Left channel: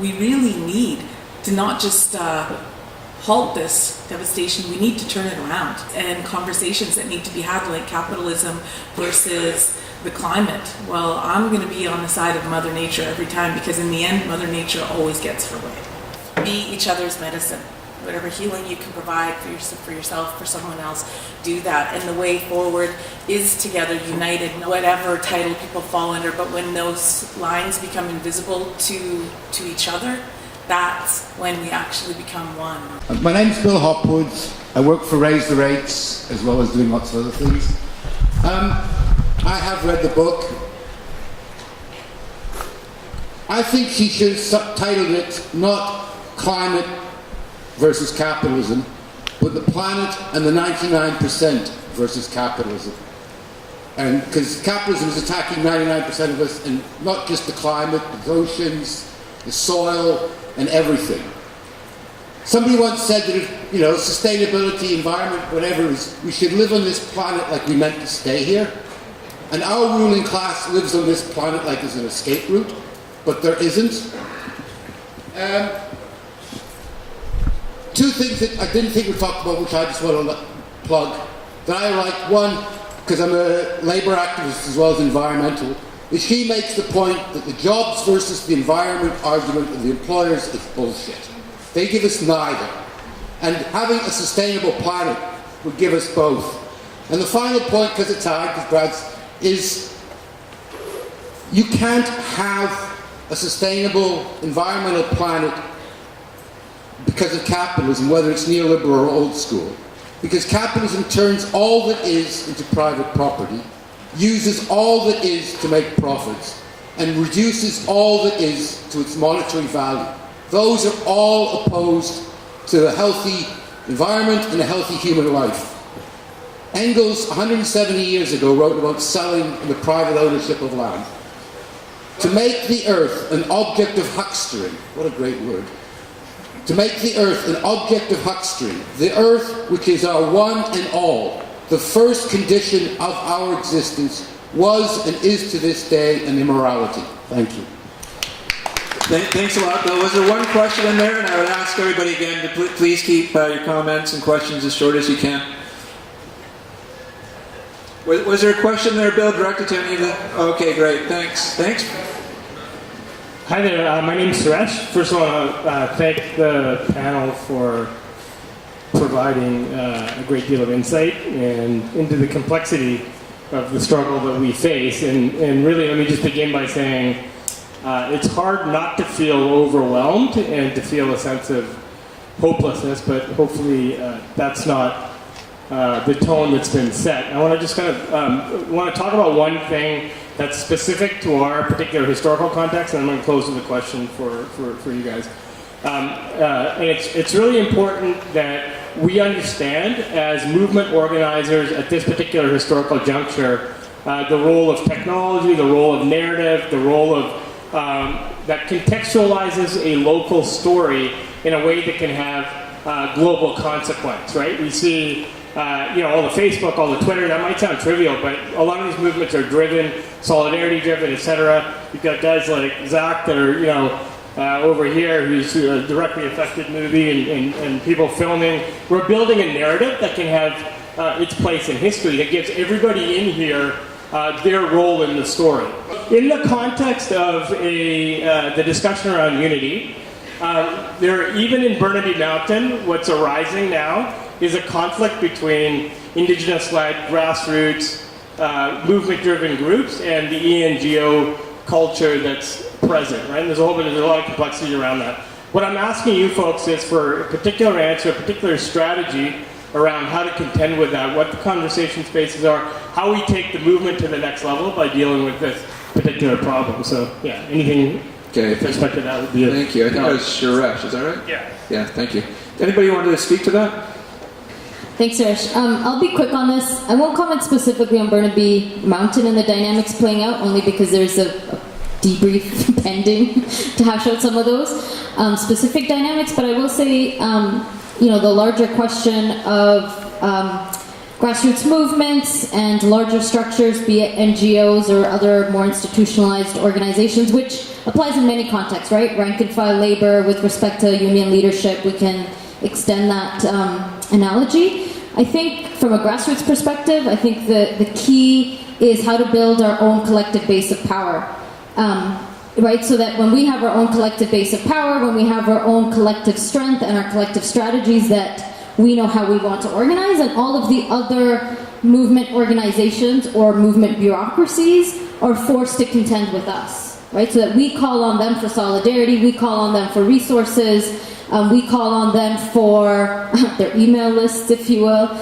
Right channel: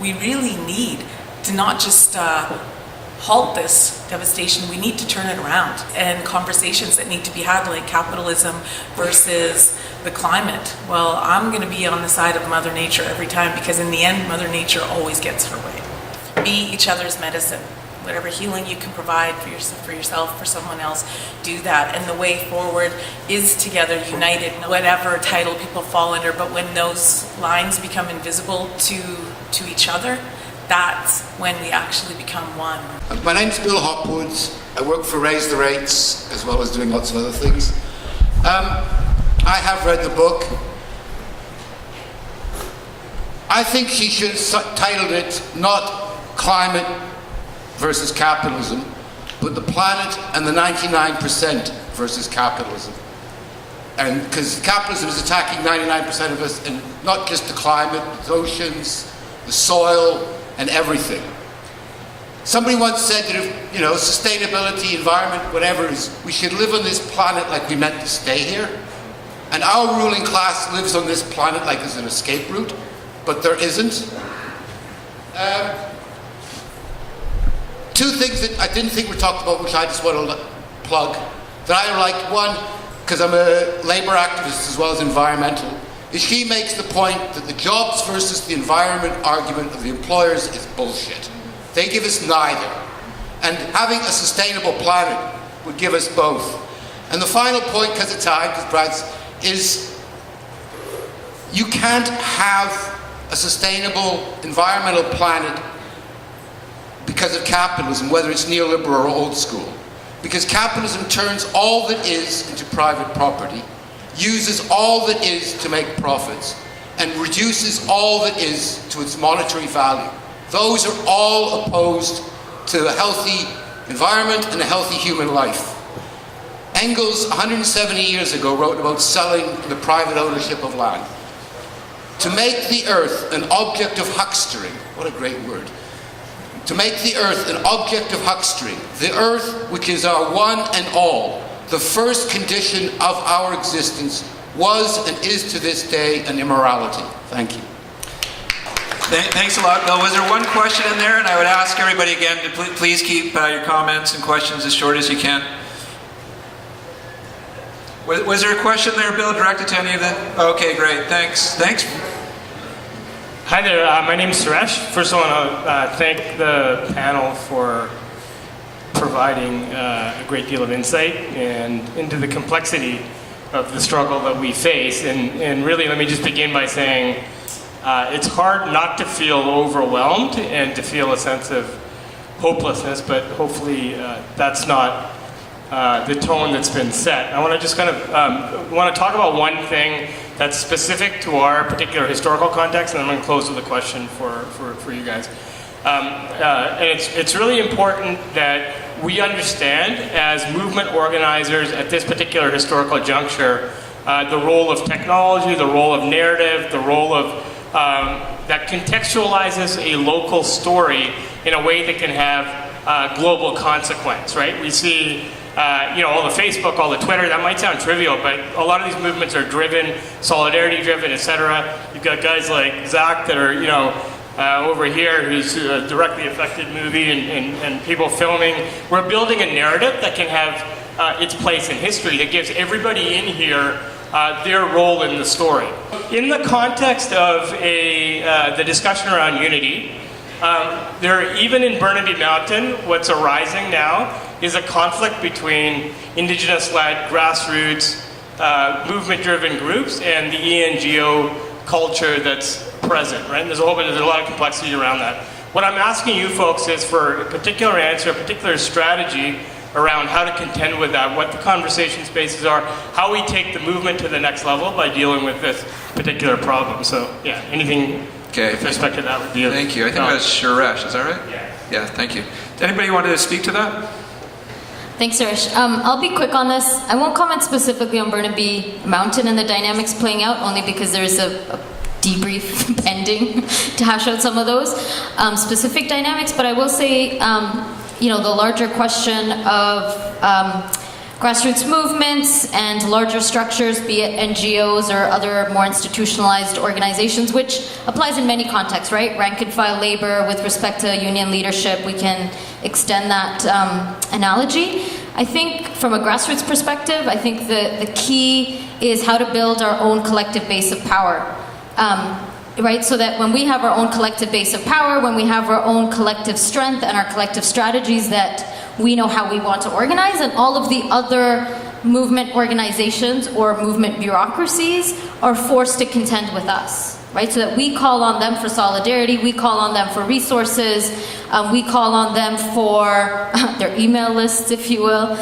We really need to not just halt this devastation, we need to turn it around. And conversations that need to be had, like capitalism versus the climate. Well, I'm going to be on the side of Mother Nature every time, because in the end, Mother Nature always gets her way. Be each other's medicine. Whatever healing you can provide for yourself, for someone else, do that. And the way forward is together, united, whatever title people fall under. But when those lines become invisible to each other, that's when we actually become one. My name's Bill Hopwood. I work for Raise the Rates, as well as doing lots of other things. I have read the book. I think she should have titled it not Climate versus Capitalism, but the planet and the 99% versus capitalism. And because capitalism is attacking 99% of us, and not just the climate, the oceans, the soil, and everything. Somebody once said that if, sustainability, environment, whatever it is, we should live on this planet like we meant to stay here. And our ruling class lives on this planet like there's an escape route, but there isn't. Two things that I didn't think were talked about, which I just want to plug, that I liked. One, because I'm a labor activist as well as environmental, is she makes the point that the jobs versus the environment argument of the employers is bullshit. They give us neither. And having a sustainable planet would give us both. And the final point, because of time, because Brad's, is you can't have a sustainable environmental planet because of capitalism, whether it's neoliberal or old school. Because capitalism turns all that is into private property, uses all that is to make profits, and reduces all that is to its monetary value. Those are all opposed to a healthy environment and a healthy human life. Engels, 170 years ago, wrote about selling and the private ownership of land. To make the earth an object of huckstering, what a great word. To make the earth an object of huckstering, the earth, which is our one and all, the first condition of our existence, was and is to this day an immorality. Thank you. Thanks a lot, Bill. Was there one question in there? And I would ask everybody again to please keep your comments and questions as short as you can. Was there a question there, Bill, directed to any of them? Okay, great. Thanks. Thanks. Hi there. My name is Suresh. First, I want to thank the panel for providing a great deal of insight and into the complexity of the struggle that we face. And really, let me just begin by saying it's hard not to feel overwhelmed and to feel a sense of hopelessness, but hopefully that's not the tone that's been set. I want to just kind of want to talk about one thing that's specific to our particular historical context, and I'm going to close with a question for you guys. And it's really important that we understand, as movement organizers at this particular historical juncture, the role of technology, the role of narrative, the role of that contextualizes a local story in a way that can have global consequence, right? We see all the Facebook, all the Twitter, that might sound trivial, but a lot of these movements are driven, solidarity driven, etc. You've got guys like Zach that are, over here, who's a directly affected movie and people filming. We're building a narrative that can have its place in history, that gives everybody in here their role in the story. In the context of the discussion around unity, even in Burnaby Mountain, what's arising now is a conflict between Indigenous-led, grassroots, movement-driven groups and the ENGO culture that's present, right? And there's a lot of complexity around that. What I'm asking you folks is for a particular answer, a particular strategy around how to contend with that, what the conversation spaces are, how we take the movement to the next level by dealing with this particular problem. So, yeah, anything with respect to that would be Thank you. I think that was Suresh, is that right? Yeah. Yeah, thank you. Anybody want to speak to that? Thanks, Suresh. I'll be quick on this. I won't comment specifically on Burnaby Mountain and the dynamics playing out, only because there's a debrief pending to hash out some of those specific dynamics. But I will say, the larger question of grassroots movements and larger structures, be it NGOs or other more institutionalized organizations, which applies in many contexts, right? Rank and file labor with respect to union leadership, we can extend that analogy. I think from a grassroots perspective, I think the key is how to build our own collective base of power. Right, so that when we have our own collective base of power, when we have our own collective strength and our collective strategies, that we know how we want to organize, and all of the other movement organizations or movement bureaucracies are forced to contend with us, right? So that we call on them for solidarity, we call on them for resources, we call on them for their email lists, if you will.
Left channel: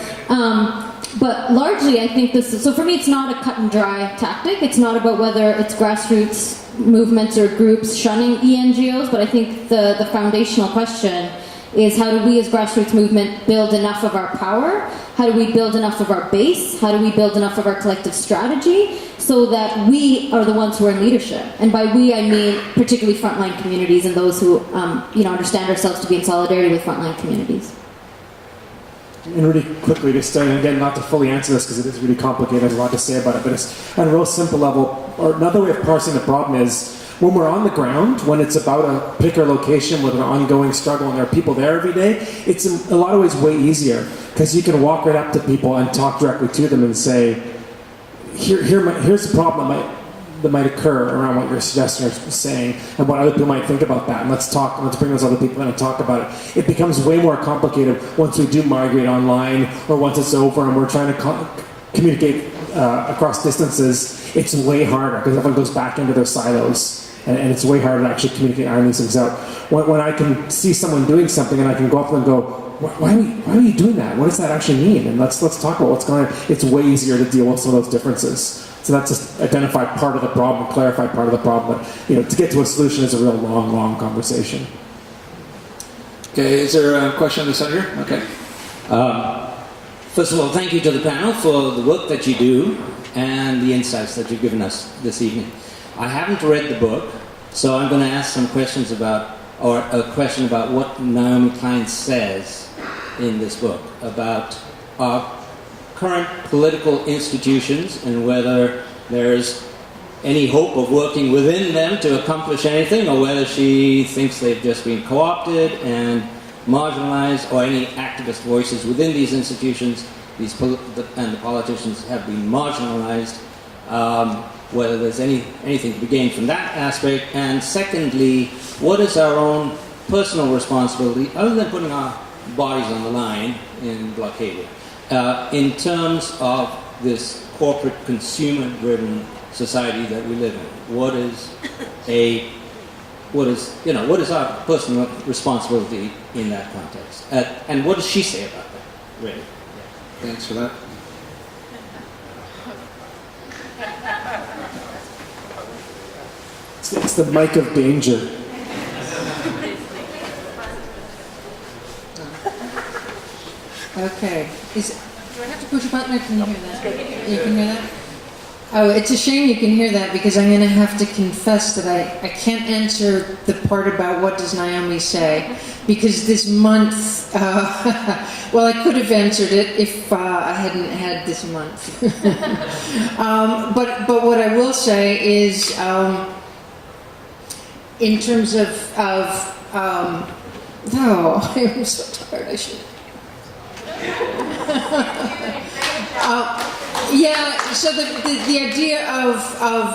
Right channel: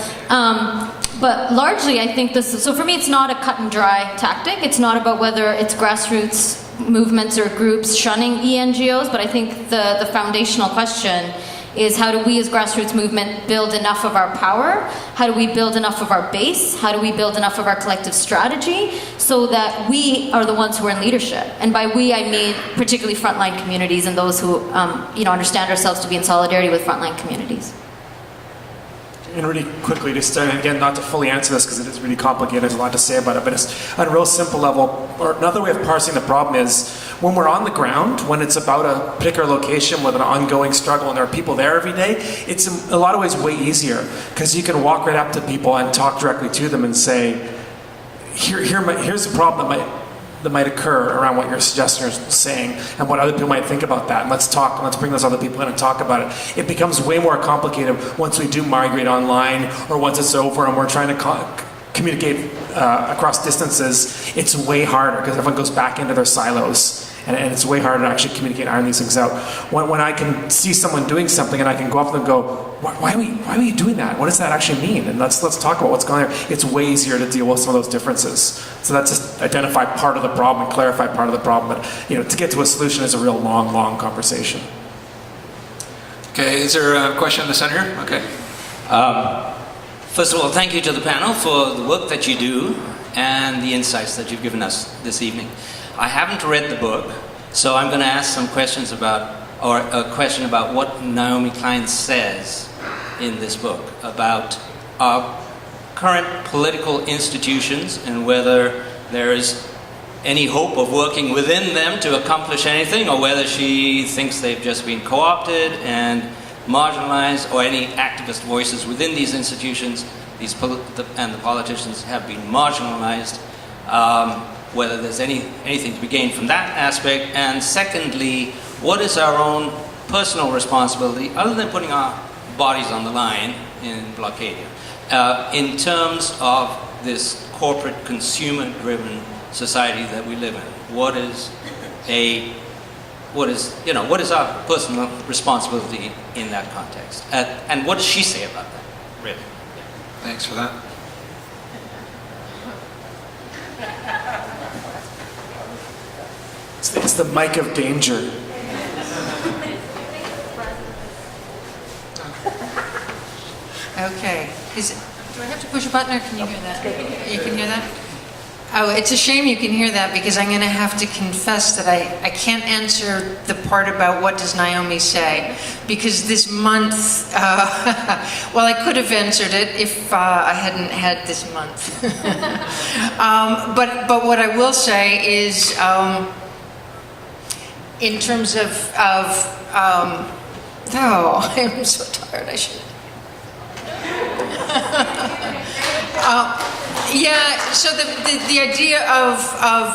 But largely, I think this, so for me, it's not a cut and dry tactic. It's not about whether it's grassroots movements or groups shunning ENGOs, but I think the foundational question is, how do we as grassroots movement build enough of our power? How do we build enough of our base? How do we build enough of our collective strategy so that we are the ones who are in leadership? And by we, I mean particularly frontline communities and those who understand ourselves to be in solidarity with frontline communities. And really quickly to start, and again, not to fully answer this because it is really complicated, there's a lot to say about it, but it's on a real simple level, or another way of parsing the problem is, when we're on the ground, when it's about a particular location with an ongoing struggle and there are people there every day, it's in a lot of ways way easier, because you can walk right up to people and talk directly to them and say, here's the problem that might occur around what you're suggesting or saying, and what other people might think about that. And let's bring those other people in and talk about it. It becomes way more complicated once we do migrate online, or once it's over and we're trying to communicate across distances. It's way harder because everyone goes back into their silos. And it's way harder to actually communicate and iron these things out. When I can see someone doing something and I can go up to them and go, why are you doing that? What does that actually mean? And let's talk about what's going on there. It's way easier to deal with some of those differences. So that's just identify part of the problem and clarify part of the problem. But to get to a solution is a real long conversation. Okay, is there a question in the center? Okay. First of all, thank you to the panel for the work that you do and the insights that you've given us this evening. I haven't read the book, so I'm going to ask some questions about, or a question about what Naomi Klein says in this book about our current political institutions and whether there is any hope of working within them to accomplish anything, or whether she thinks they've just been co-opted and marginalized, or any activist voices within these institutions, and the politicians have been marginalized. Whether there's anything to be gained from that aspect. And secondly, what is our own personal responsibility, other than putting our bodies on the line in Blockadia, in terms of this corporate consumer-driven society that we live in? What is our personal responsibility in that context? And what does she say about that, really? Thanks for that. It's the mic of danger. Okay. Do I have to push a button, or can you hear that? You can hear that? Oh, it's a shame you can hear that, because I'm going to have to confess that I can't answer the part about what does Naomi say, because this month, well, I could have answered it if I hadn't had this month. But what I will say is, in terms of oh, I'm so tired, I should. Yeah, so the idea of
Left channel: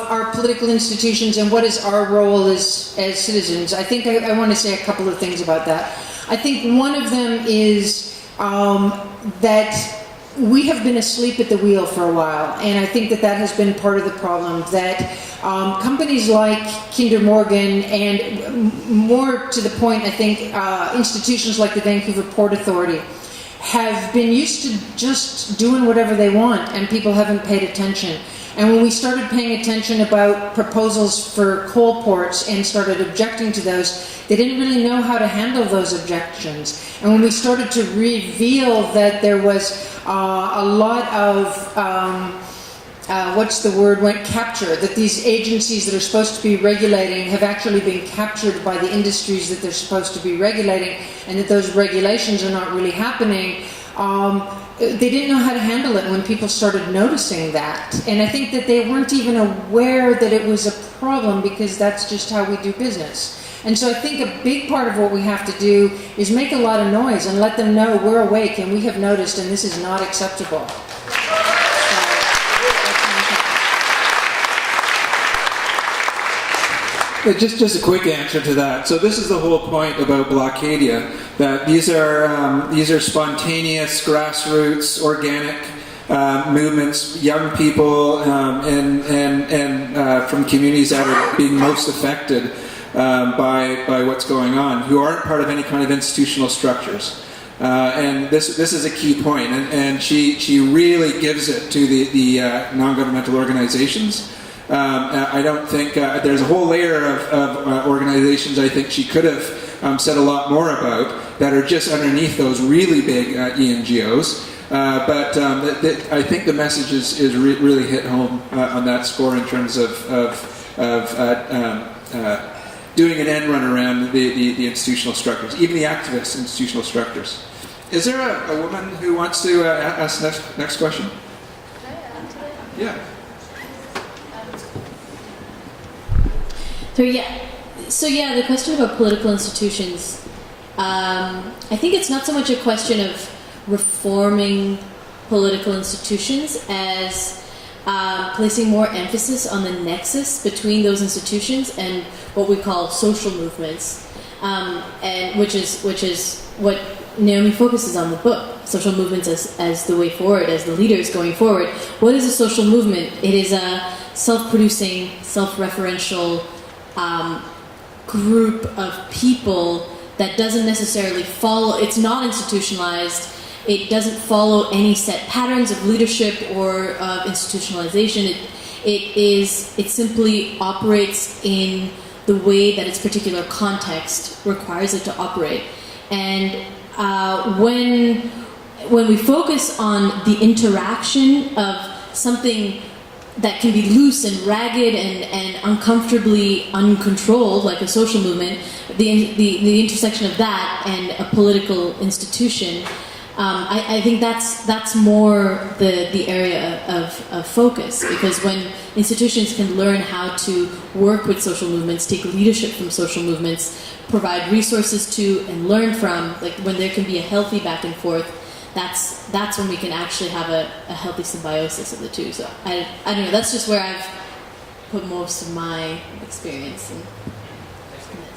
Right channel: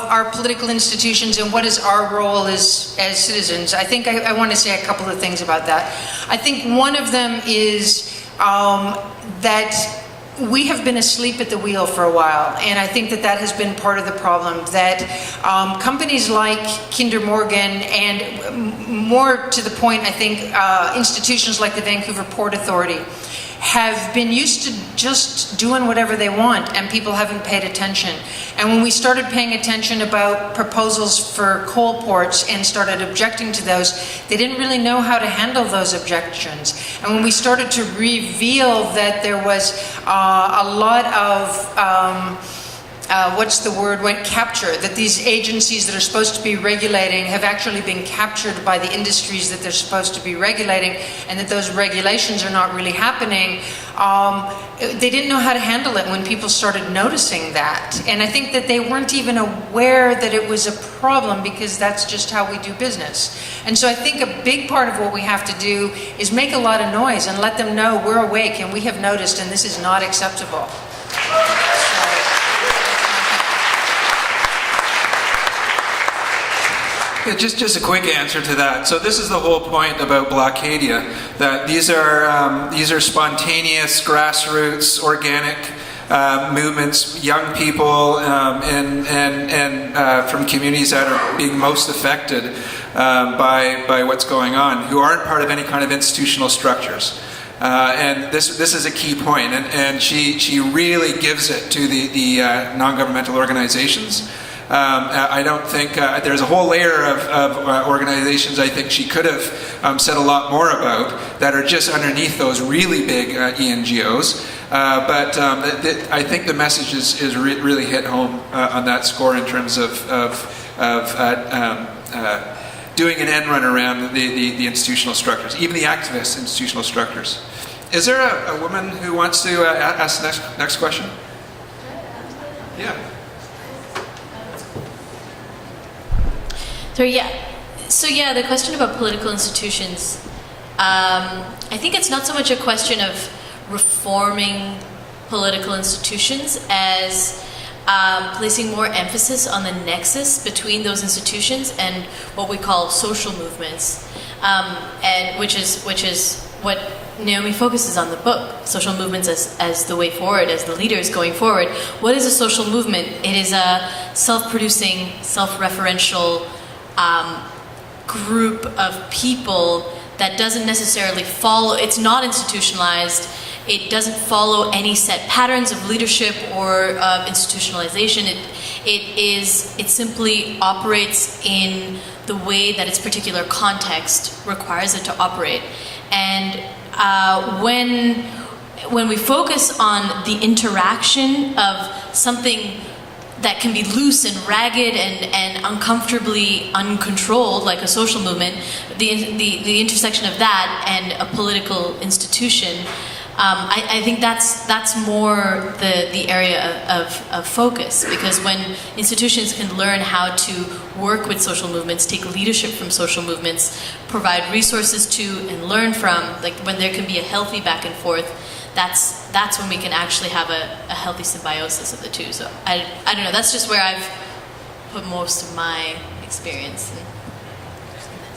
our political institutions and what is our role as citizens, I think I want to say a couple of things about that. I think one of them is that we have been asleep at the wheel for a while, and I think that has been part of the problem, that companies like Kinder Morgan, and more to the point, I think, institutions like the Vancouver Port Authority, have been used to just doing whatever they want, and people haven't paid attention. And when we started paying attention about proposals for coal ports and started objecting to those, they didn't really know how to handle those objections. And when we started to reveal that there was a lot of what's the word, went capture, that these agencies that are supposed to be regulating have actually been captured by the industries that they're supposed to be regulating, and that those regulations are not really happening. They didn't know how to handle it when people started noticing that. And I think that they weren't even aware that it was a problem, because that's just how we do business. And so I think a big part of what we have to do is make a lot of noise and let them know we're awake and we have noticed and this is not acceptable. Just a quick answer to that. So this is the whole point about Blockadia, that these are spontaneous, grassroots, organic movements, young people, and from communities that are being most affected by what's going on, who aren't part of any kind of institutional structures. And this is a key point, and she really gives it to the non-governmental organizations. I don't think there's a whole layer of organizations I think she could have said a lot more about that are just underneath those really big ENGOs. But I think the message is really hit home on that score in terms of doing an end run around the institutional structures, even the activist institutional structures. Is there a woman who wants to ask the next question? Yeah. So yeah, the question about political institutions, I think it's not so much a question of reforming political institutions as placing more emphasis on the nexus between those institutions and what we call social movements, and which is what Naomi focuses on the book, social movements as the way forward, as the leaders going forward. What is a social movement? It is a self-producing, self-referential group of people that doesn't necessarily follow, it's not institutionalized, it doesn't follow any set patterns of leadership or of institutionalization. It simply operates in the way that its particular context requires it to operate. And when we focus on the interaction of something that can be loose and ragged and uncomfortably uncontrolled, like a social movement, the intersection of that and a political institution, I think that's more the area of focus, because when institutions can learn how to work with social movements, take leadership from social movements, provide resources to and learn from, like when there can be a healthy back and forth, that's when we can actually have a healthy symbiosis of the two. So I don't know, that's just where I've put most of my experience.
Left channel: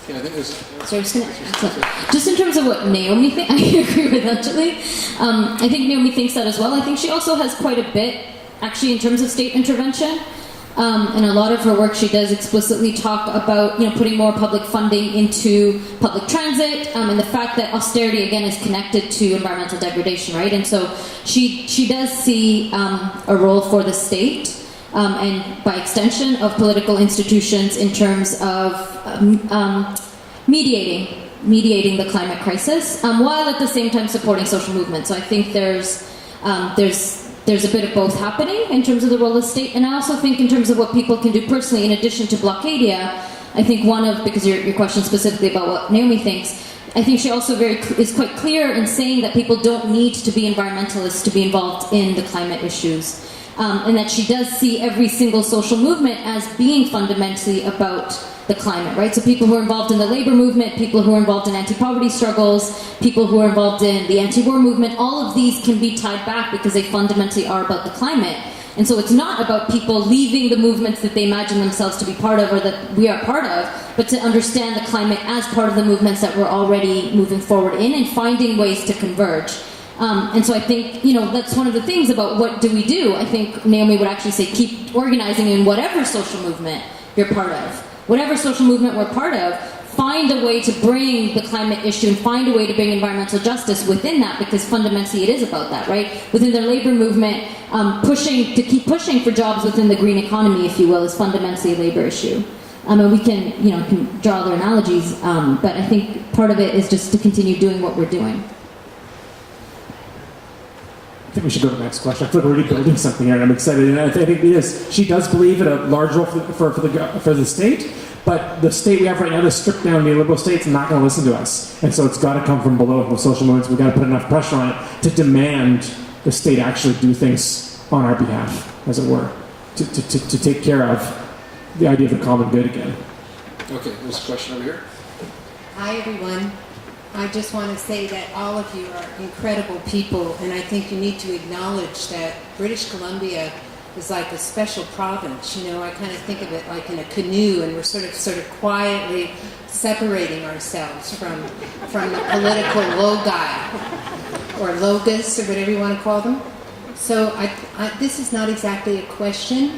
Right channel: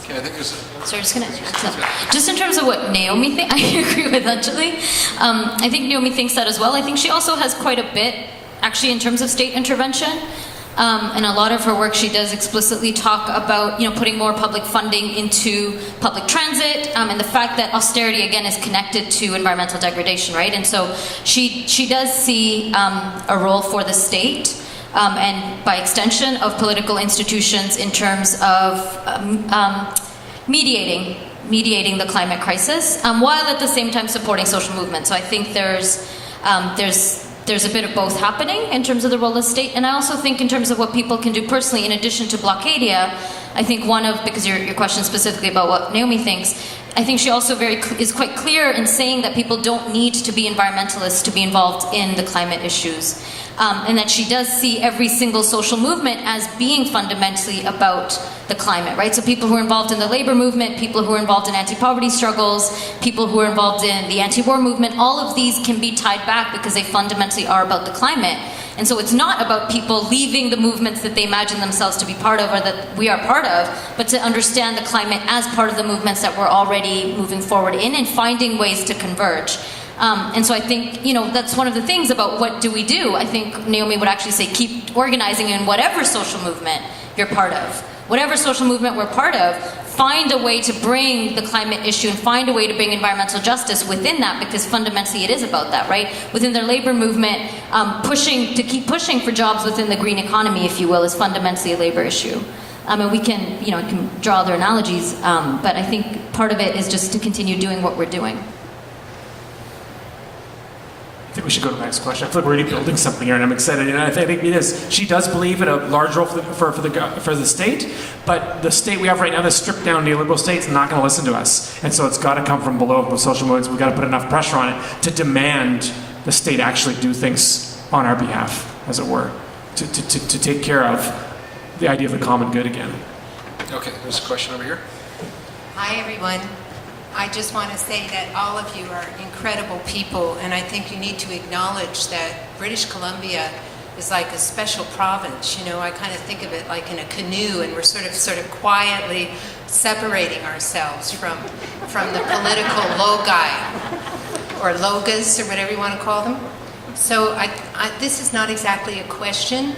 Okay, I think there's... So just in terms of what Naomi thinks, I agree with actually. I think Naomi thinks that as well. I think she also has quite a bit, actually, in terms of state intervention. And a lot of her work, she does explicitly talk about, putting more public funding into public transit, and the fact that austerity, again, is connected to environmental degradation, right? And so she does see a role for the state, and by extension of political institutions in terms of mediating the climate crisis, while at the same time supporting social movements. So I think there's a bit of both happening in terms of the role of state, and I also think in terms of what people can do personally in addition to Blockadia. I think because your question specifically about what Naomi thinks, I think she also is quite clear in saying that people don't need to be environmentalists to be involved in the climate issues. And that she does see every single social movement as being fundamentally about the climate, right? So people who are involved in the labor movement, people who are involved in anti-poverty struggles, people who are involved in the anti-war movement, all of these can be tied back because they fundamentally are about the climate. And so it's not about people leaving the movements that they imagine themselves to be part of or that we are part of, but to understand the climate as part of the movements that we're already moving forward in and finding ways to converge. And so I think, that's one of the things about what do we do. I think Naomi would actually say keep organizing in whatever social movement you're part of. Whatever social movement we're part of, find a way to bring the climate issue and find a way to bring environmental justice within that, because fundamentally it is about that, right? Within their labor movement, keep pushing for jobs within the green economy, if you will, is fundamentally a labor issue. And we can, can draw other analogies, but I think part of it is just to continue doing what we're doing. think we should go to the next question. I feel like we're already building something here, and I'm excited. And I think it is. She does believe in a large role for the state, but the state we have right now, the stripped down neoliberal state's not going to listen to us. And so it's got to come from below, from social movements. We've got to put enough pressure on it to demand the state actually do things on our behalf, as it were, to take care of the idea of the common good again. Okay, there's a question over here. Hi, everyone. I just want to say that all of you are incredible people, and I think you need to acknowledge that British Columbia is like a special province. You know, I kind of think of it like in a canoe, and we're sort of quietly separating ourselves from the political logi, or logas, or whatever you want to call them. So this is not exactly a question,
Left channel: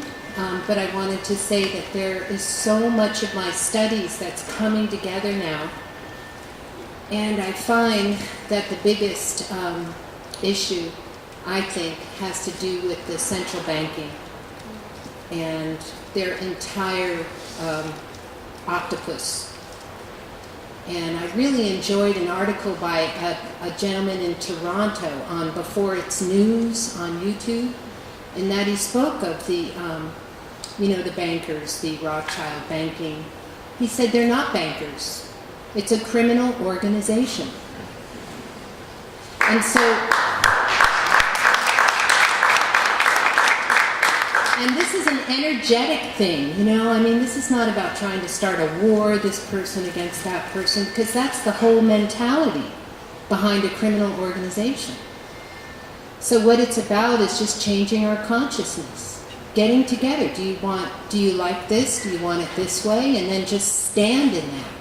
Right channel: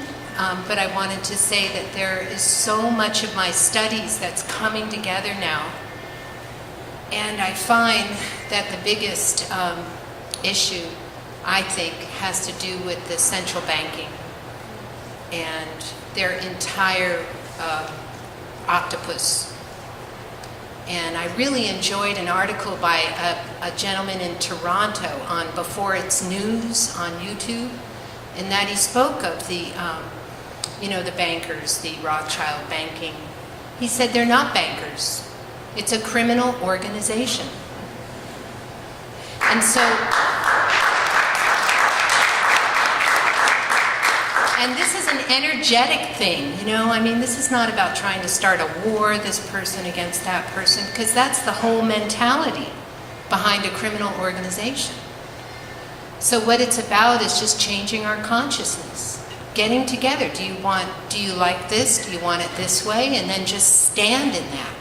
but I wanted to say that there is so much of my studies that's coming together now. And I find that the biggest issue, I think, has to do with the central banking and their entire octopus. And I really enjoyed an article by a gentleman in Toronto on Before It's News on YouTube, in that he spoke of the, the bankers, the Rothschild banking. He said they're not bankers. It's a criminal organization. And so, and this is an energetic thing, you know? I mean, this is not about trying to start a war, this person against that person, because that's the whole mentality behind a criminal organization. So what it's about is just changing our consciousness, getting together. Do you like this? Do you want it this way? And then just stand in that.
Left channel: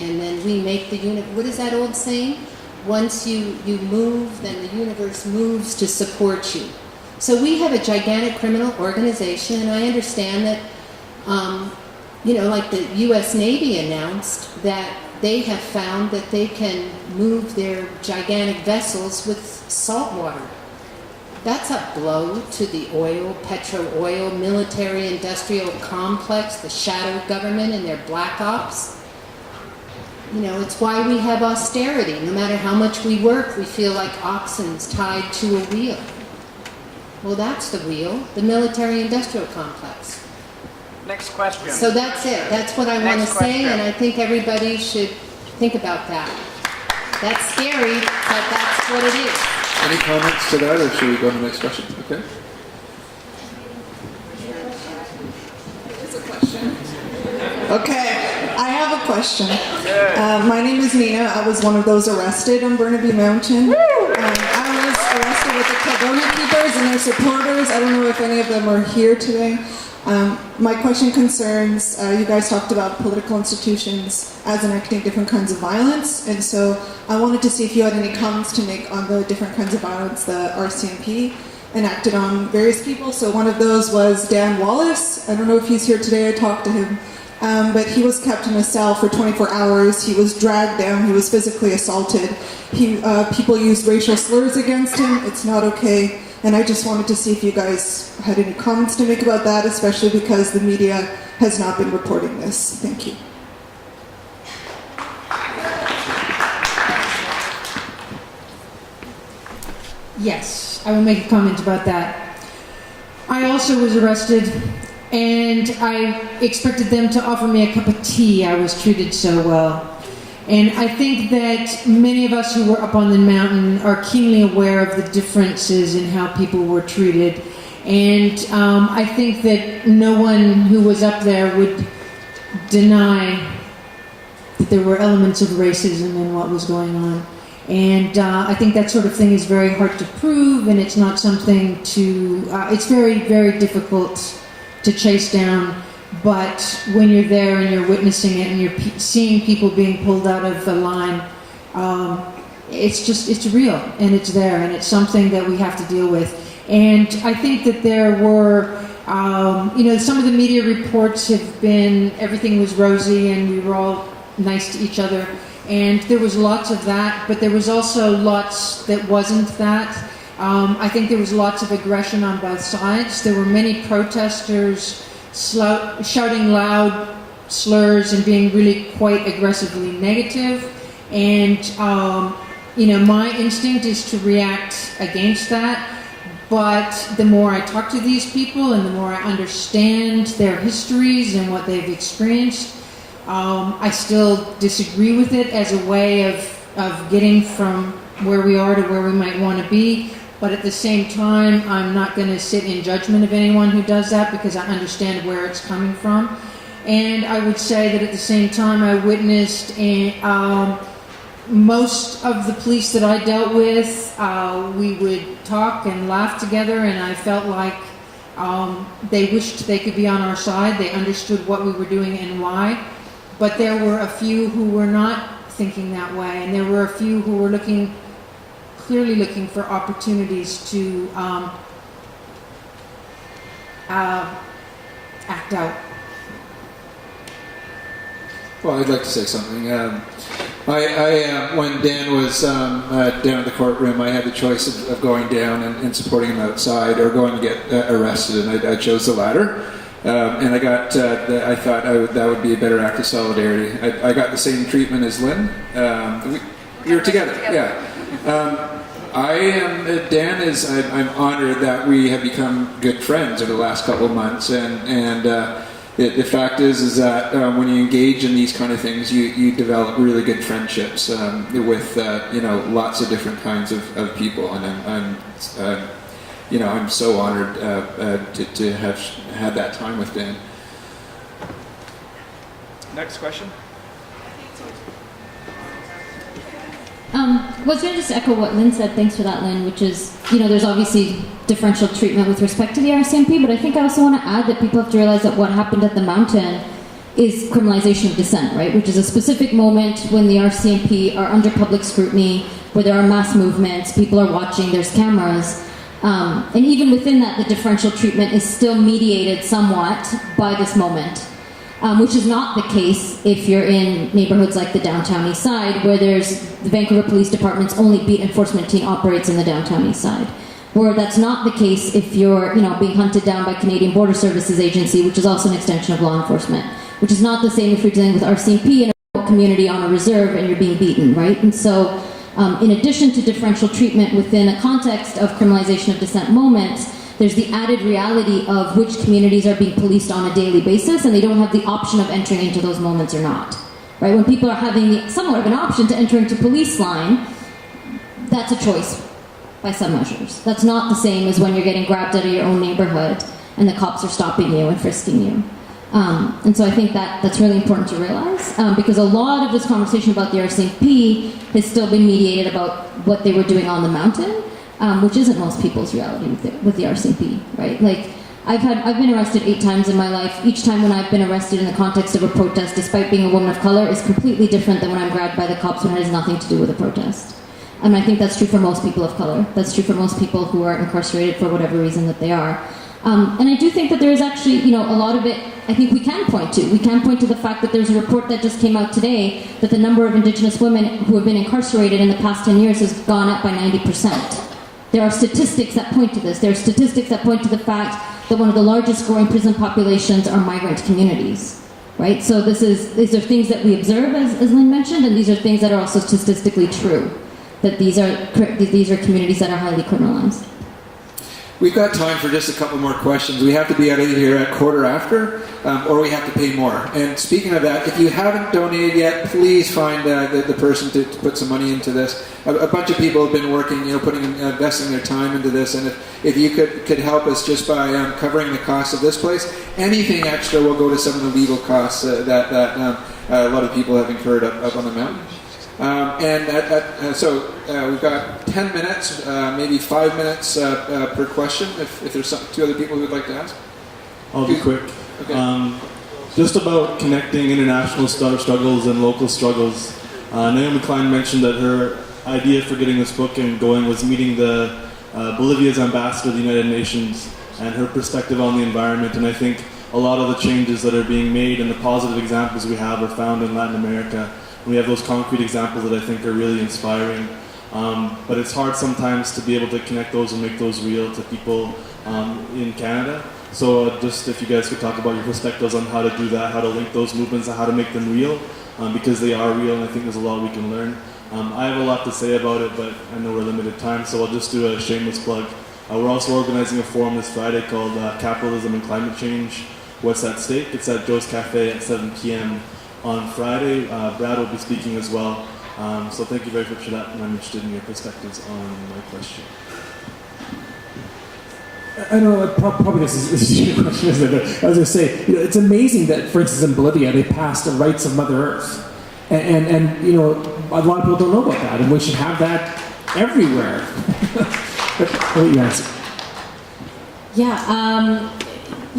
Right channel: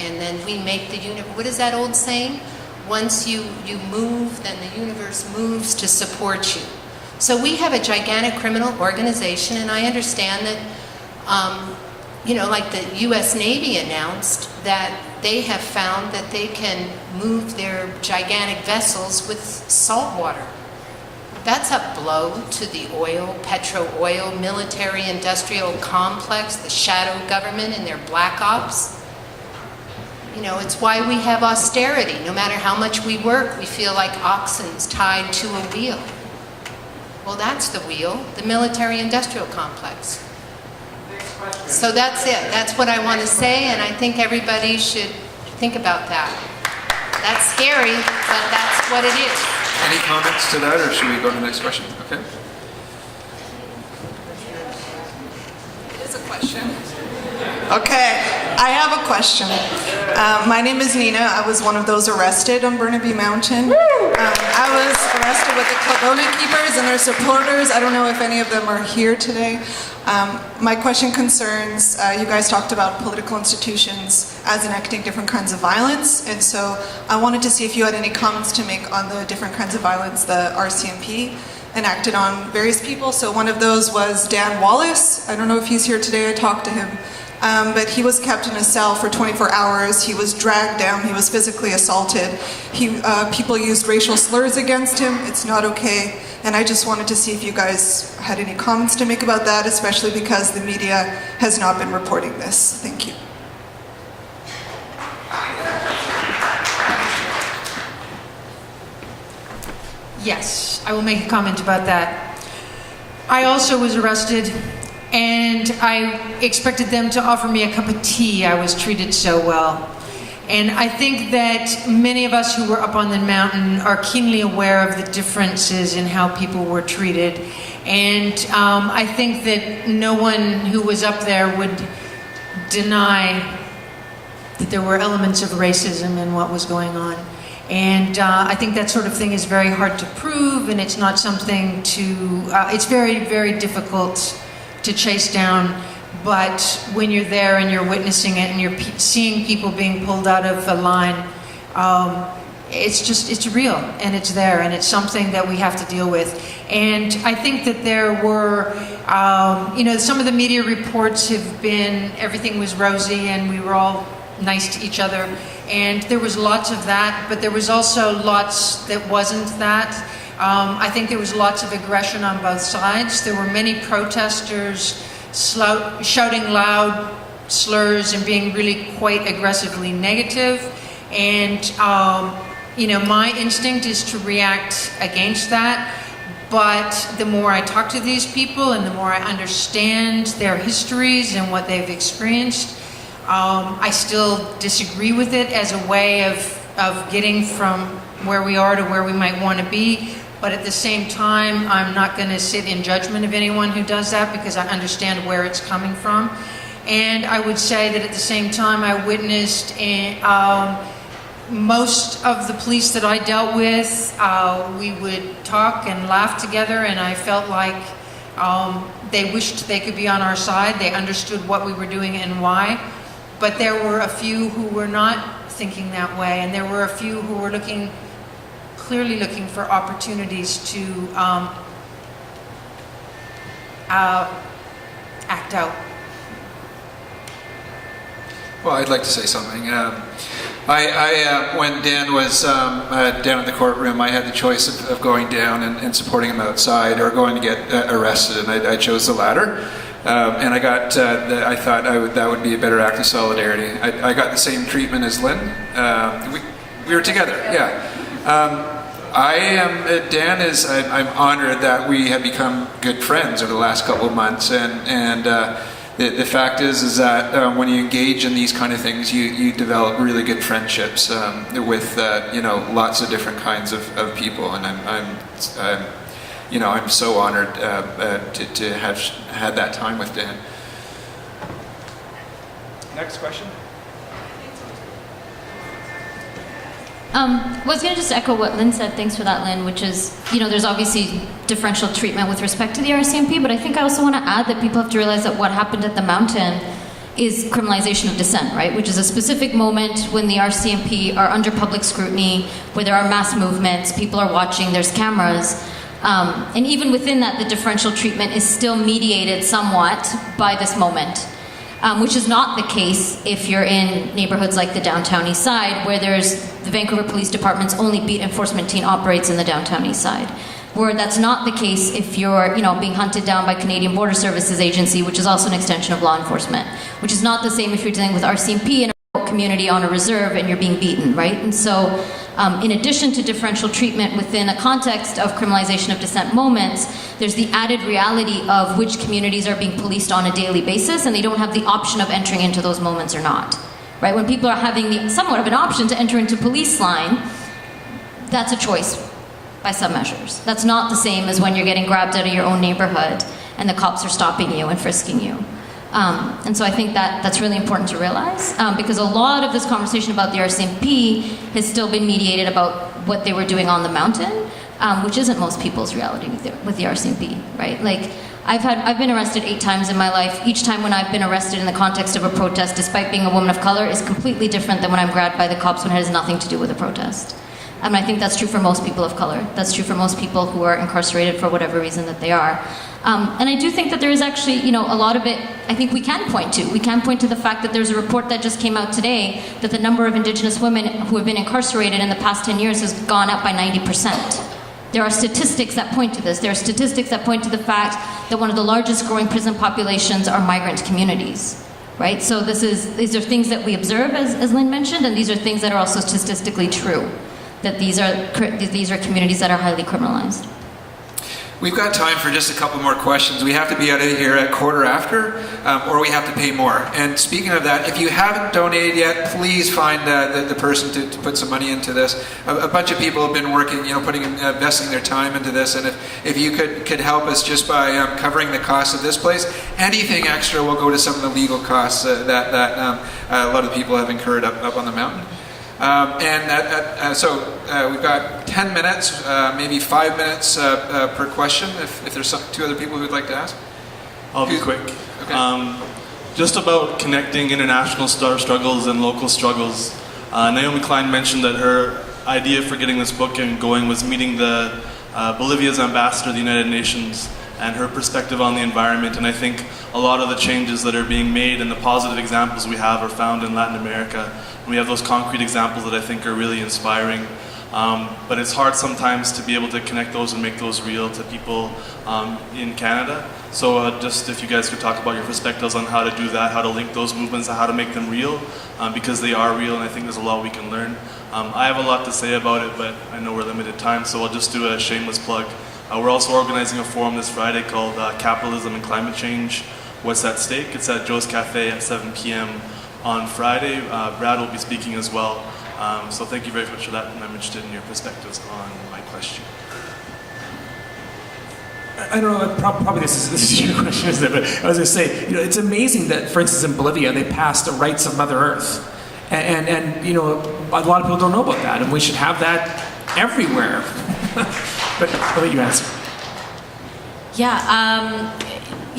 And then we make the universe. What is that old saying? Once you move, then the universe moves to support you. So we have a gigantic criminal organization, and I understand that, like the U.S. Navy announced that they have found that they can move their gigantic vessels with salt water. That's a blow to the petro-oil, military-industrial complex, the shadow government and their black ops. You know, it's why we have austerity. No matter how much we work, we feel like oxens tied to a wheel. Well, that's the wheel, the military-industrial complex. Next question. So that's it. That's what I want to say, and I think everybody should think about that. That's scary, but that's what it is. Any comments to that, or should we go to the next question? Okay. There's a question. Okay, I have a question. My name is Nina. I was one of those arrested on Burnaby Mountain. I was arrested with the Caldona Keepers and their supporters. I don't know if any of them are here today. My question concerns, you guys talked about political institutions as enacting different kinds of violence, and so I wanted to see if you had any comments to make on the different kinds of violence the RCMP enacted on various people. So one of those was Dan Wallace. I don't know if he's here today. I talked to him. But he was kept in a cell for 24 hours. He was dragged down. He was physically assaulted. People used racial slurs against him. It's not okay. And I just wanted to see if you guys had any comments to make about that, especially because the media has not been reporting this. Thank you. Yes, I will make a comment about that. I also was arrested, and I expected them to offer me a cup of tea. I was treated so well. And I think that many of us who were up on the mountain are keenly aware of the differences in how people were treated. And I think that no one who was up there would deny that there were elements of racism in what was going on. And I think that sort of thing is very hard to prove, and it's not something to, it's very, very difficult to chase down. But when you're there and you're witnessing it and you're seeing people being pulled out of the line, it's real, and it's there, and it's something that we have to deal with. And I think that there were, some of the media reports have been, everything was rosy and we were all nice to each other. And there was lots of that, but there was also lots that wasn't that. I think there was lots of aggression on both sides. There were many protesters shouting loud slurs and being really quite aggressively negative. And my instinct is to react against that. But the more I talk to these people and the more I understand their histories and what they've experienced, I still disagree with it as a way of getting from where we are to where we might want to be. But at the same time, I'm not going to sit in judgment of anyone who does that because I understand where it's coming from. And I would say that at the same time, I witnessed most of the police that I dealt with, we would talk and laugh together, and I felt like they wished they could be on our side. They understood what we were doing and why. But there were a few who were not thinking that way, and there were a few who were clearly looking for opportunities to act out. Well, I'd like to say something. When Dan was down in the courtroom, I had the choice of going down and supporting him outside or going to get arrested, and I chose the latter. And I thought that would be a better act of solidarity. I got the same treatment as Lynn. We were together, yeah. I'm honored that we have become good friends over the last couple of months, and the fact is that when you engage in these kind of things, you develop really good friendships with lots of different kinds of people, and I'm so honored to have had that time with Dan. Next question. I was going to just echo what Lynn said. Thanks for that, Lynn, which is, there's obviously differential treatment with respect to the RCMP, but I think I also want to add that people have to realize that what happened at the Mountain is criminalization of dissent, right? Which is a specific moment when the RCMP are under public scrutiny, where there are mass movements, people are watching, there's cameras. And even within that, the differential treatment is still mediated somewhat by this moment. Which is not the case if you're in neighborhoods like the downtown east side, where there's the Vancouver Police Department's only beat enforcement team operates in the downtown east side. Where that's not the case if you're, being hunted down by Canadian Border Services Agency, which is also an extension of law enforcement. Which is not the same if you're dealing with RCMP in a community on a reserve and you're being beaten, right? And so, in addition to differential treatment within a context of criminalization of dissent moments, there's the added reality of which communities are being policed on a daily basis, and they don't have the option of entering into those moments or not. Right? When people are having somewhat of an option to enter into police line, that's a choice by some measures. That's not the same as when you're getting grabbed out of your own neighborhood and the cops are stopping you and frisking you. And so I think that's really important to realize, because a lot of this conversation about the RCMP has still been mediated about what they were doing on the Mountain, which isn't most people's reality with the RCMP, right? Like, I've been arrested 8 times in my life. Each time when I've been arrested in the context of a protest, despite being a woman of color, is completely different than when I'm grabbed by the cops when it has nothing to do with a protest. And I think that's true for most people of color. That's true for most people who are incarcerated for whatever reason that they are. And I do think that there is actually, a lot of it, I think we can point to. We can point to the fact that there's a report that just came out today that the number of Indigenous women who have been incarcerated in the past 10 years has gone up by 90%. There are statistics that point to this. There are statistics that point to the fact that one of the largest growing prison populations are migrant communities, right? So these are things that we observe, as Lynn mentioned, and these are things that are also statistically true, that these are communities that are highly criminalized. We've got time for just a couple more questions. We have to be out of here at 15:15, or we have to pay more. And speaking of that, if you haven't donated yet, please find the person to put some money into this. A bunch of people have been working, investing their time into this. And if you could help us just by covering the cost of this place, anything extra will go to some of the legal costs that a lot of people have incurred up on the mountain. So we've got 10 minutes, maybe 5 minutes per question, if there's 2 other people who would like to ask. I'll be quick. Okay. Just about connecting international struggles and local struggles. Naomi Klein mentioned that her idea for getting this book going was meeting the Bolivia's ambassador to the United Nations and her perspective on the environment. And I think a lot of the changes that are being made and the positive examples we have are found in Latin America. And we have those concrete examples that I think are really inspiring. But it's hard sometimes to be able to connect those and make those real to people in Canada. So just if you guys could talk about your perspectives on how to do that, how to link those movements, and how to make them real, because they are real, and I think there's a lot we can learn. I have a lot to say about it, but I know we're limited time, so I'll just do a shameless plug. We're also organizing a forum this Friday called Capitalism and Climate Change, What's at Stake? It's at Joe's Cafe at 7 p.m. on Friday. Brad will be speaking as well. So thank you very much for that, and I'm interested in your perspectives on my question. I don't know, probably this is your question, isn't it? But I was going to say, it's amazing that, for instance, in Bolivia, they passed the rights of Mother Earth. And a lot of people don't know about that, and we should have that everywhere. But I'll let you answer.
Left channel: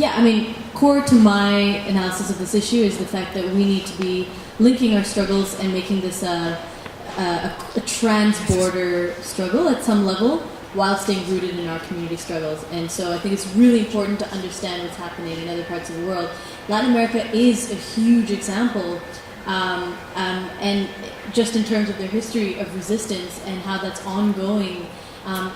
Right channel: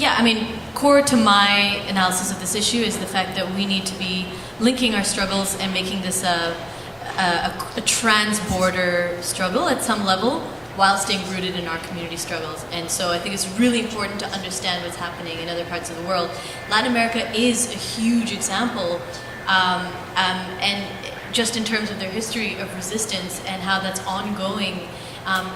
I mean, core to my analysis of this issue is the fact that we need to be linking our struggles and making this a trans-border struggle at some level, while staying rooted in our community struggles. And so I think it's really important to understand what's happening in other parts of the world. Latin America is a huge example, and just in terms of their history of resistance and how that's ongoing,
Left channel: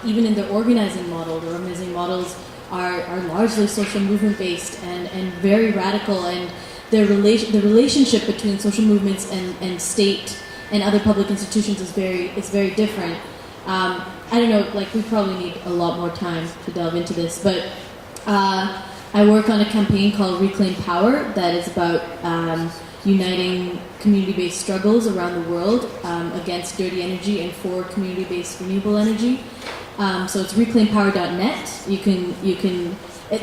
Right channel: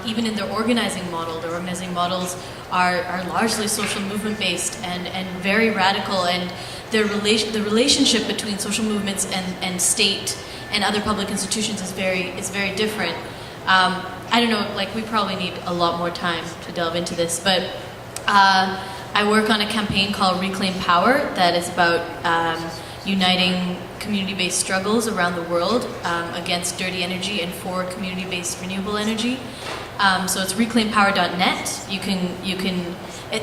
even in their organizing model. Their organizing models are largely social movement based and very radical, and the relationship between social movements and state and other public institutions is very different. I don't know, we probably need a lot more time to delve into this, but I work on a campaign called Reclaim Power that is about uniting community-based struggles around the world against dirty energy and for community-based renewable energy. So it's reclaimpower.net. You can.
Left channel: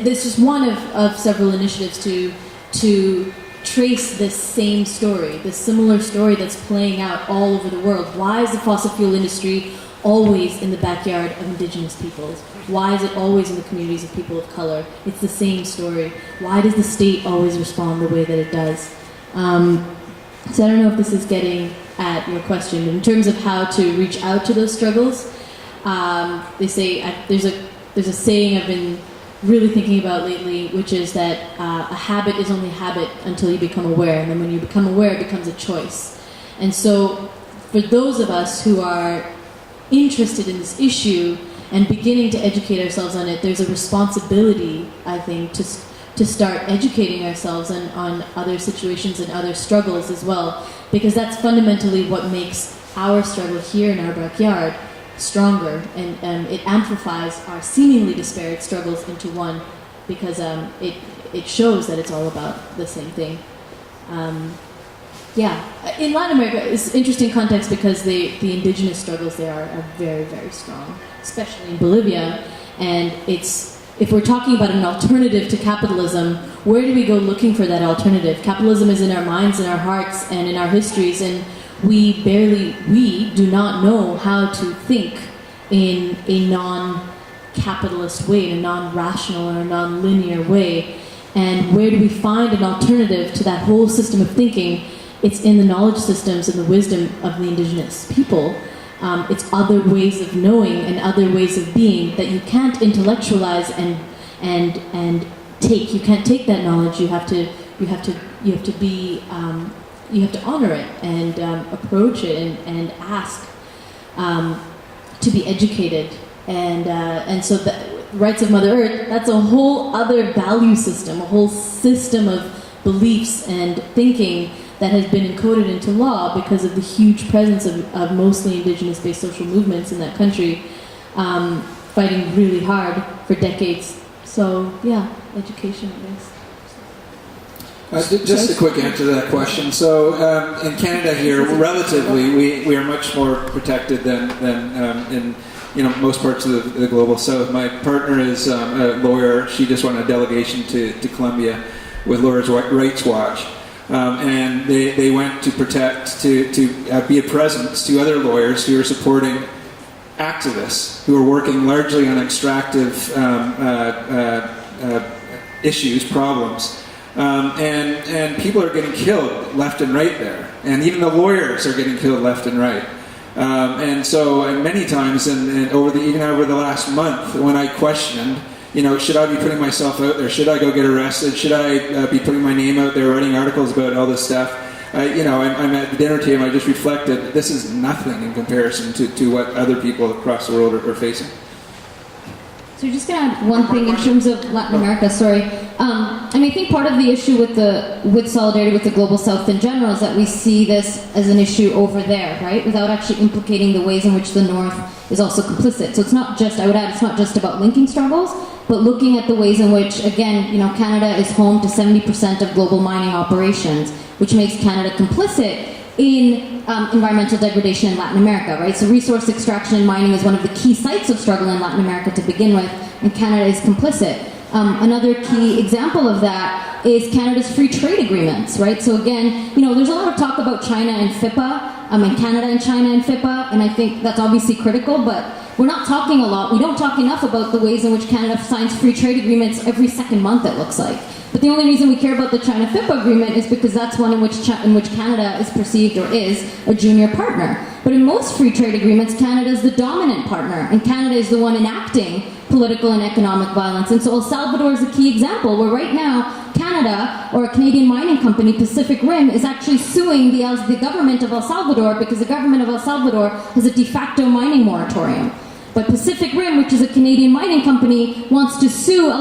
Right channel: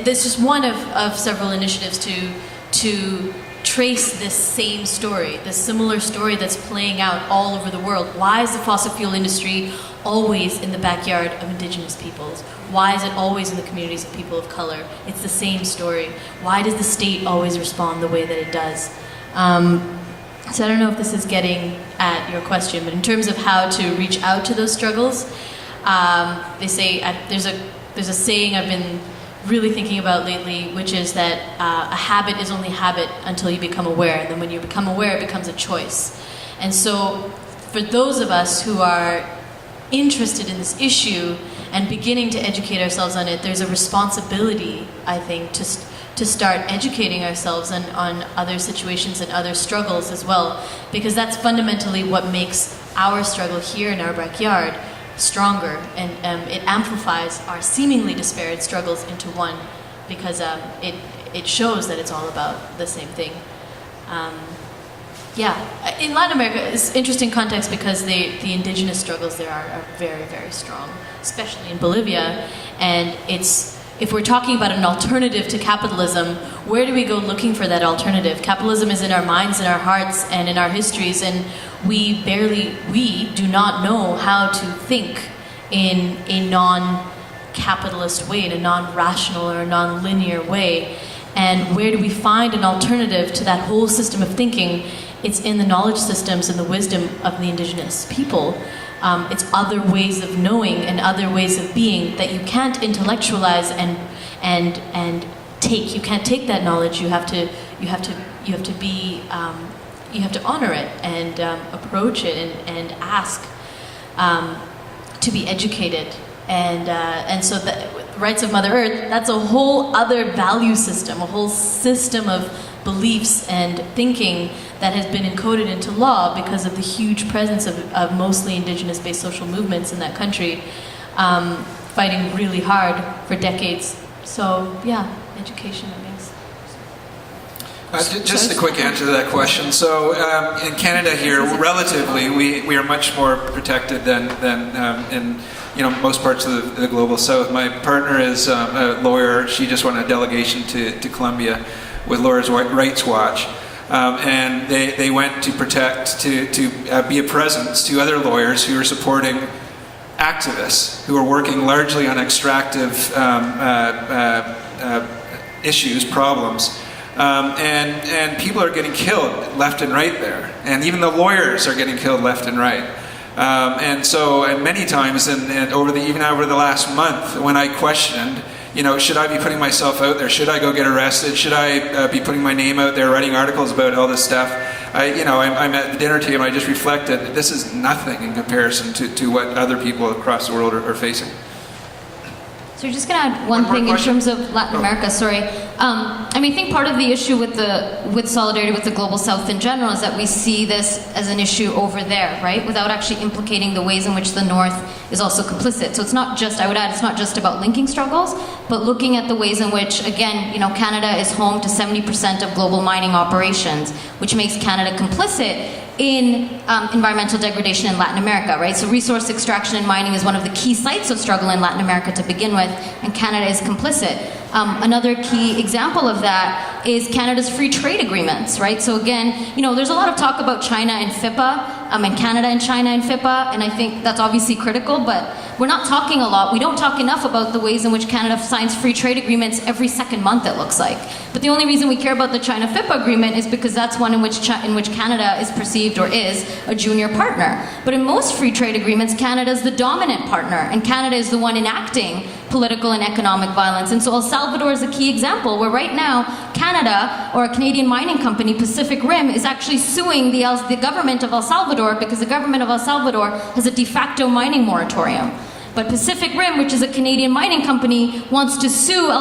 There's just one of several initiatives to trace this same story, this similar story that's playing out all over the world. Why is the fossil fuel industry always in the backyard of Indigenous peoples? Why is it always in the communities of people of color? It's the same story. Why does the state always respond the way that it does? So I don't know if this is getting at your question, but in terms of how to reach out to those struggles, they say there's a saying I've been really thinking about lately, which is that a habit is only habit until you become aware, and then when you become aware, it becomes a choice. And so for those of us who are interested in this issue and beginning to educate ourselves on it, there's a responsibility, I think, to start educating ourselves on other situations and other struggles as well, because that's fundamentally what makes our struggle here in our backyard stronger, and it amplifies our seemingly disparate struggles into one, because it shows that it's all about the same thing. In Latin America, it's interesting context because the indigenous struggles there are very, very strong, especially in Bolivia. And if we're talking about an alternative to capitalism, where do we go looking for that alternative? Capitalism is in our minds, in our hearts, and in our histories, and we do not know how to think in a non-capitalist way, in a non-rational or non-linear way. And where do we find an alternative to that whole system of thinking? It's in the knowledge systems and the wisdom of the indigenous people. It's other ways of knowing and other ways of being that you can't intellectualize and take. You can't take that knowledge. You have to honor it and approach it and ask to be educated. And so the rights of Mother Earth, that's a whole other value system, a whole system of beliefs and thinking that has been encoded into law because of the huge presence of mostly indigenous-based social movements in that country, fighting really hard for decades. So yeah, education, I guess. Just a quick answer to that question. So in Canada here, relatively, we are much more protected than in most parts of the global south. My partner is a lawyer. She just went on a delegation to Colombia with Lawyers' Rights Watch. And they went to protect, to be a presence to other lawyers who are supporting activists who are working largely on extractive issues, problems. And people are getting killed left and right there. And even the lawyers are getting killed left and right. And many times, even over the last month, when I questioned, should I be putting myself out there? Should I go get arrested? Should I be putting my name out there, writing articles about all this stuff? I'm at the dinner table, I just reflected that this is nothing in comparison to what other people across the world are facing. So you're just going to add one One more thing in question? terms of Latin America, sorry. I think part of the issue with solidarity with the Global South in general is that we see this as an issue over there, right? Without actually implicating the ways in which the North is also complicit. So it's not just, I would add, it's not just about linking struggles, but looking at the ways in which, again, Canada is home to 70% of global mining operations, which makes Canada complicit in environmental degradation in Latin America, right? So resource extraction and mining is one of the key sites of struggle in Latin America to begin with, and Canada is complicit. Another key example of that is Canada's free trade agreements, right? So again, there's a lot of talk about China and FIPA, and Canada and China and FIPA, and I think that's obviously critical, but we're not talking a lot. We don't talk enough about the ways in which Canada signs free trade agreements every second month, it looks like. But the only reason we care about the China-FIPA agreement is because that's one in which Canada is perceived or is a junior partner. But in most free trade agreements, Canada is the dominant partner, and Canada is the one enacting political and economic violence. And so El Salvador is a key example where right now, Canada, or a Canadian mining company, Pacific Rim, is actually suing the government of El Salvador because the government of El Salvador has a de facto mining moratorium. But Pacific Rim, which is a Canadian mining company, wants to sue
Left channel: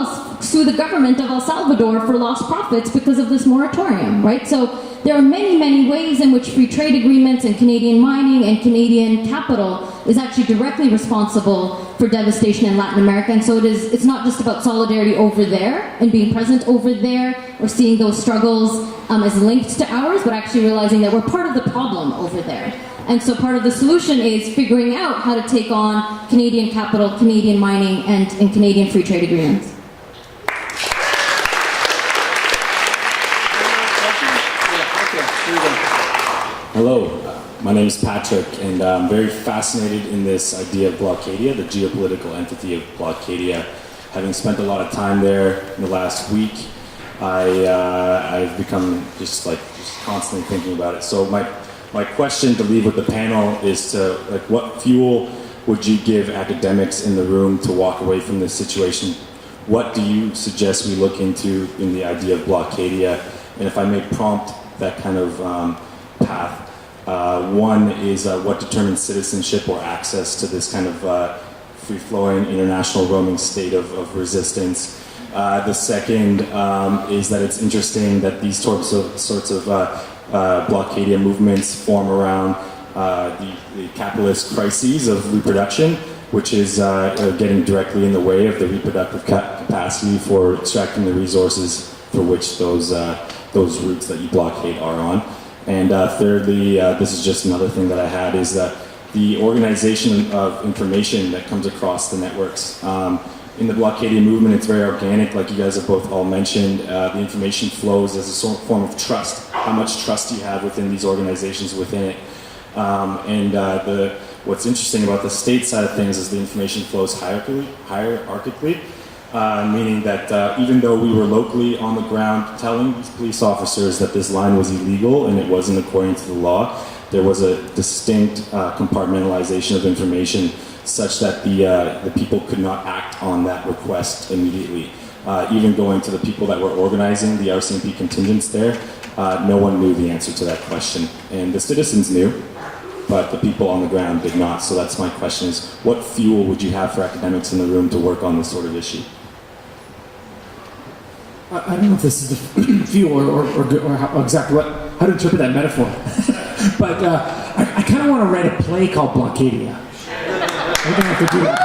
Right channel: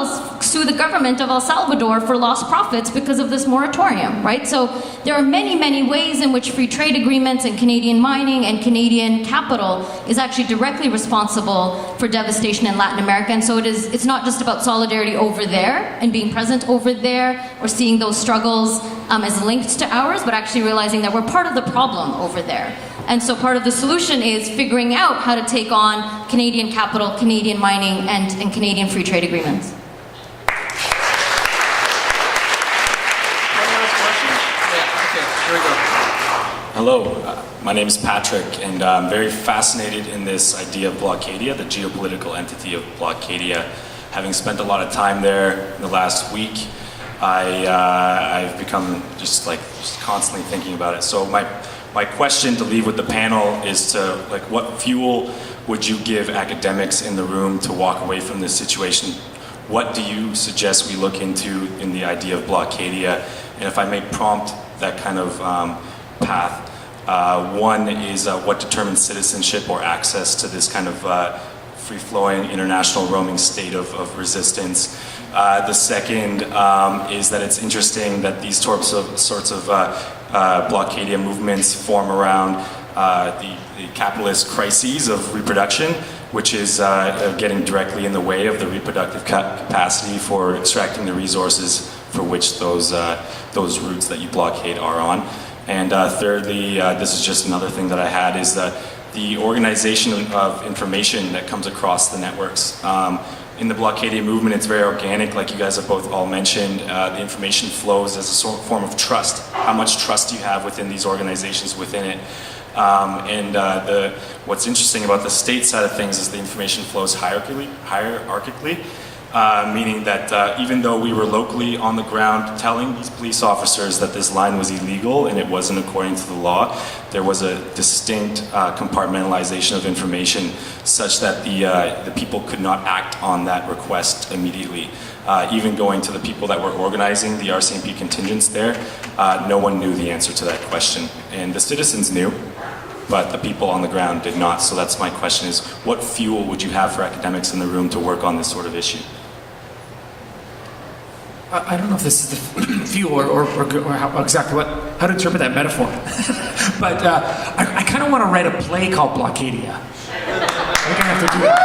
the government of El Salvador for lost profits because of this moratorium, right? So there are many, many ways in which free trade agreements and Canadian mining and Canadian capital is actually directly responsible for devastation in Latin America. And so it's not just about solidarity over there and being present over there or seeing those struggles as linked to ours, but actually realizing that we're part of the problem over there. And so part of the solution is figuring out how to take on Canadian capital, Canadian mining, and Canadian free trade agreements. Hello, my name is Patrick, and I'm very fascinated in this idea of Blockadia, the geopolitical entity of Blockadia. Having spent a lot of time there in the last week, I've become just constantly thinking about it. So my question to leave with the panel is to, what fuel would you give academics in the room to walk away from this situation? What do you suggest we look into in the idea of Blockadia? And if I may prompt that kind of path, one is what determines citizenship or access to this kind of free-flowing international roaming state of resistance. The second is that it's interesting that these sorts of Blockadia movements form around the capitalist crises of reproduction, which is getting directly in the way of the reproductive capacity for extracting the resources for which those routes that you blockade are on. And thirdly, this is just another thing that I had, is that the organization of information that comes across the networks. In the Blockadia movement, it's very organic, like you guys have both all mentioned. The information flows as a form of trust. How much trust do you have within these organizations within it? What's interesting about the state side of things is the information flows hierarchically, meaning that even though we were locally on the ground telling these police officers that this line was illegal and it wasn't according to the law, there was a distinct compartmentalization of information such that the people could not act on that request immediately. Even going to the people that were organizing the RCMP contingents there, no one knew the answer to that question. And the citizens knew, but the people on the ground did not. So that's my question, is what fuel would you have for academics in the room to work on this sort of issue? I don't know if this is the fuel or how, exactly how to interpret that metaphor. But I kind of want to write a play called Blockadia. We're going to have to do that.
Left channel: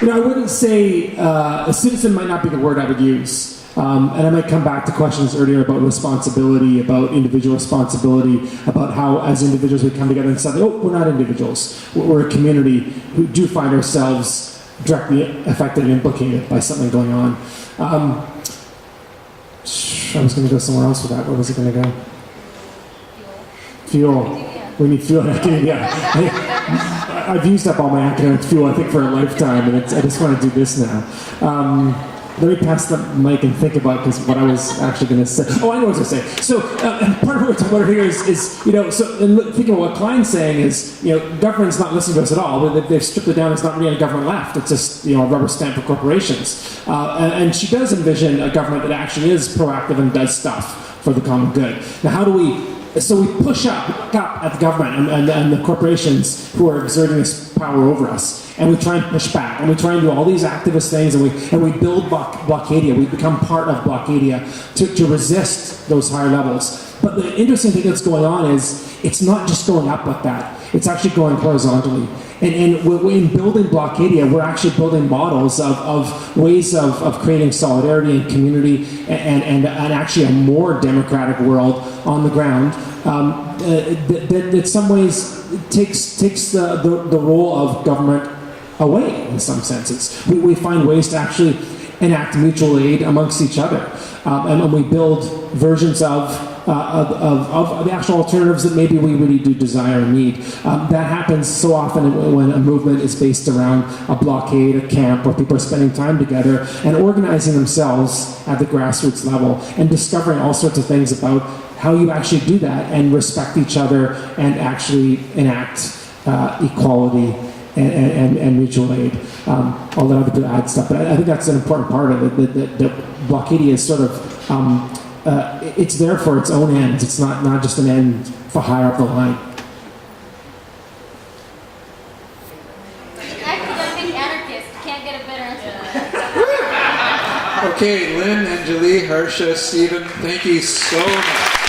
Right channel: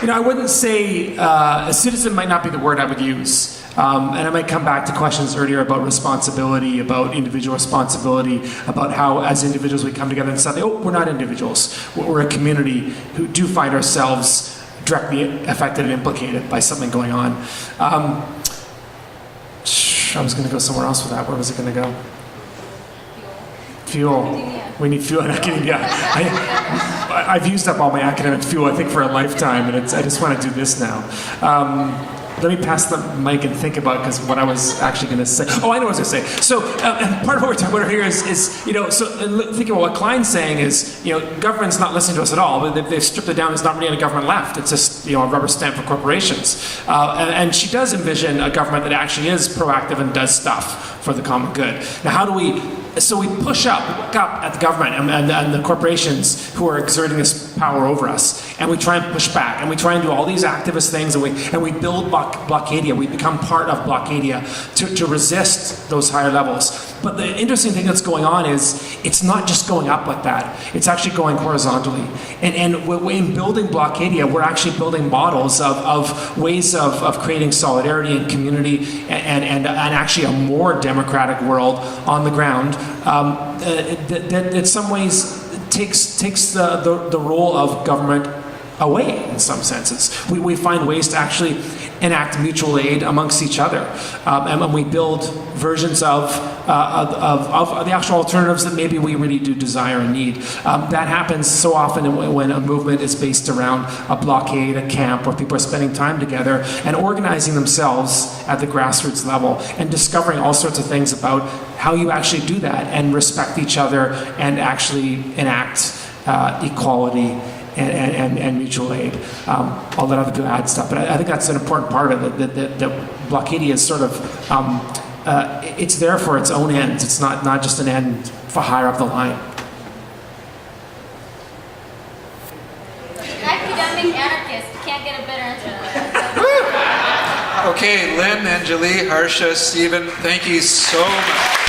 But I wouldn't say a citizen might not be the word I would use. And I might come back to questions earlier about responsibility, about individual responsibility, about how as individuals we come together and say, oh, we're not individuals. We're a community who do find ourselves directly affected and implicated by something going on. I was going to go somewhere else with that. Where was it going to go? Fuel. We need fuel in academia. I've used up all my academic fuel, I think, for a lifetime, and I just want to do this now. Let me pass the mic and think about what I was actually going to say. Oh, I know what I was going to say. So, and part of what we're talking about here is thinking about what Klein's saying is, government's not listening to us at all. But they've stripped it down. It's not really any government left. It's just, a rubber stamp for corporations. And she does envision a government that actually is proactive and does stuff for the common good. Now, how do we? So we push up at the government and the corporations who are exerting this power over us, and we try and push back, and we try and do all these activist things, and we build Blockadia. We become part of Blockadia to resist those higher levels. But the interesting thing that's going on is it's not just going up like that. It's actually going horizontally. And in building Blockadia, we're actually building models of ways of creating solidarity and community and actually a more democratic world on the ground that in some ways takes the role of government away in some senses. We find ways to actually enact mutual aid amongst each other, and we build versions of the actual alternatives that maybe we really do desire and need. That happens so often when a movement is based around a blockade, a camp, where people are spending time together and organizing themselves at the grassroots level and discovering all sorts of things about how you actually do that and respect each other and actually enact equality and mutual aid. I'll let other people add stuff, but I think that's an important part of it. That Blockadia is sort of, it's there for its own ends. It's not just an end for higher up the line. Academic anarchist. You can't get a better answer than that. Okay, Lynn, Anjali, Harsha, Stephen, thank you so much.